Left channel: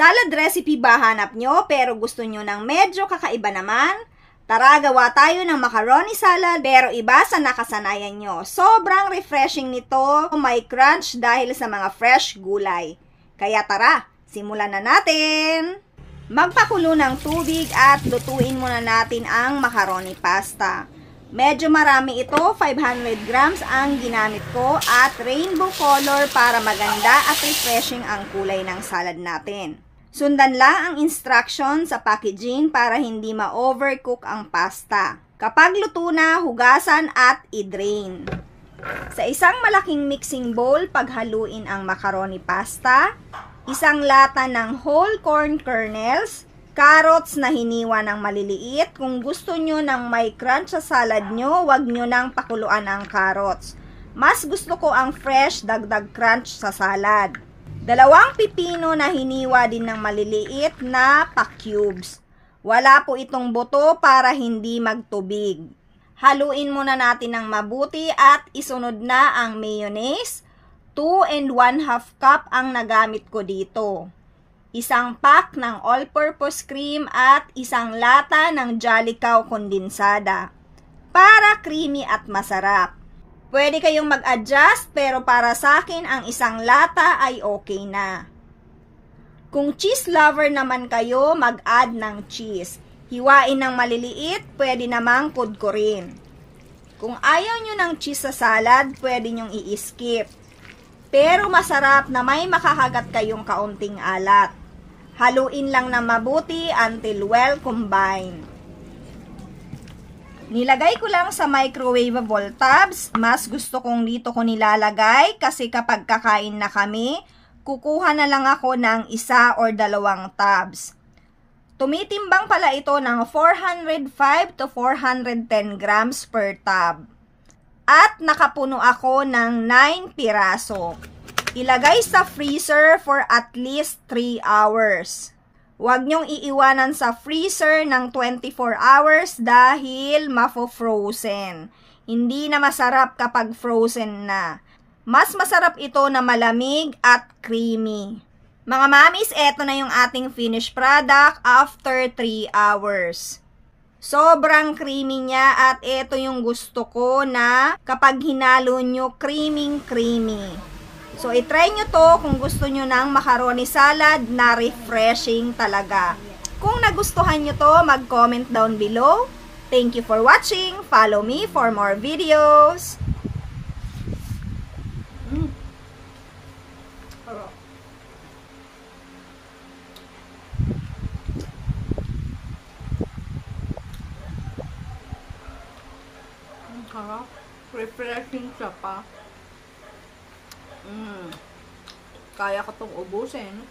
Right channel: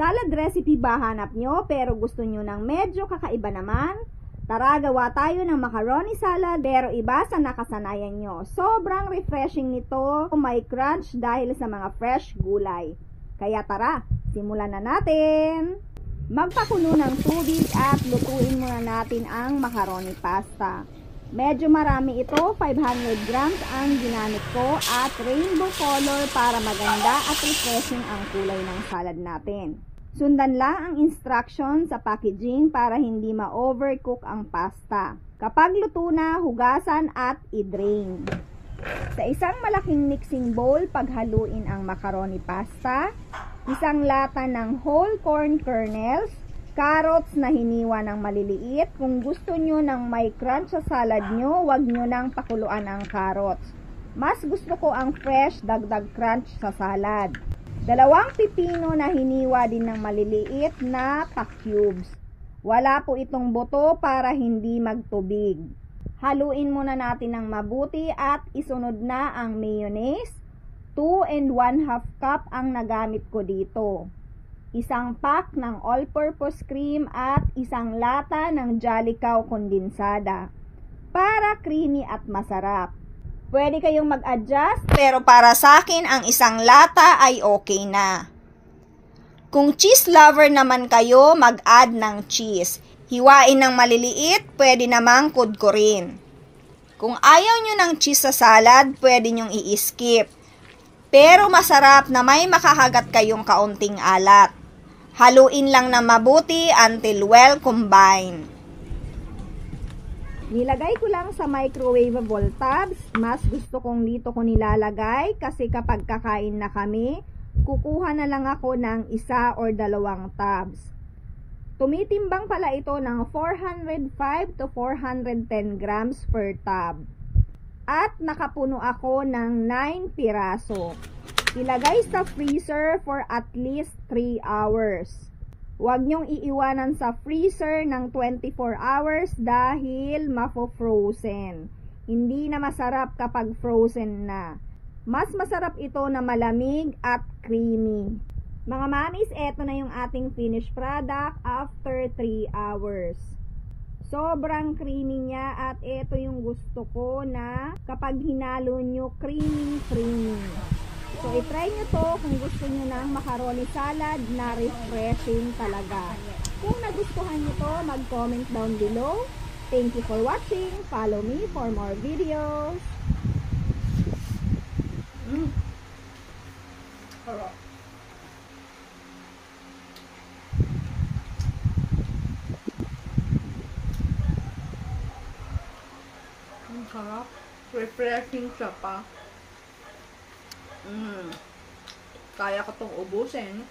Salad recipe ba hanap nyo pero gusto nyo ng medyo kakaiba naman? Tara, gawa tayo ng macaroni salad pero iba sa nakasanayan nyo. Sobrang refreshing nito, may crunch dahil sa mga fresh gulay. Kaya tara, simulan na natin! Magpakulo ng tubig at lutuin muna natin ang macaroni pasta. Medyo marami ito, 500 grams ang ginamit ko at rainbow color para maganda at refreshing ang kulay ng salad natin. Sundan lang ang instruction sa packaging para hindi ma-overcook ang pasta. Kapag luto na, hugasan at i-drain. Sa isang malaking mixing bowl, paghaluin ang macaroni pasta, isang lata ng whole corn kernels, carrots na hiniwa ng maliliit. Kung gusto nyo ng may crunch sa salad nyo, wag nyo nang pakuluan ang carrots. Mas gusto ko ang fresh, dagdag crunch sa salad. 2 pipino na hiniwa din ng maliliit na pa-cubes. Wala po itong buto para hindi magtubig. Haluin muna natin ng mabuti at isunod na ang mayonnaise. 2 1/2 cup ang nagamit ko dito. Isang pack ng all-purpose cream at isang lata ng Jolly Cow kondensada para creamy at masarap. Pwede kayong mag-adjust pero para sa akin ang isang lata ay okay na. Kung cheese lover naman kayo, mag-add ng cheese. Hiwain ng maliliit, pwede namang kudkurin. Kung ayaw nyo ng cheese sa salad, pwede nyong i-skip. Pero masarap na may makakagat kayong kaunting alat. Haluin lang na mabuti until well combined. Nilagay ko lang sa microwavable tubs. Mas gusto kong dito ko nilalagay kasi kapag kakain na kami, kukuha na lang ako ng 1 or 2 tubs. Tumitimbang pala ito ng 405 to 410 grams per tub. At nakapuno ako ng 9 piraso. Ilagay sa freezer for at least 3 hours. Huwag nyong iiwanan sa freezer ng 24 hours dahil mafo-frozen. Hindi na masarap kapag frozen na. Mas masarap ito na malamig at creamy. Mga mamis, eto na yung ating finished product after 3 hours. Sobrang creamy niya at ito yung gusto ko na kapag hinalo nyo, creamy. So, itry nyo to kung gusto nyo ng macaroni salad na refreshing talaga. Kung nagustuhan nyo to, mag-comment down below. Thank you for watching. Follow me for more videos. Sarap. Refreshing siya pa. Kaya ko itong ubusin.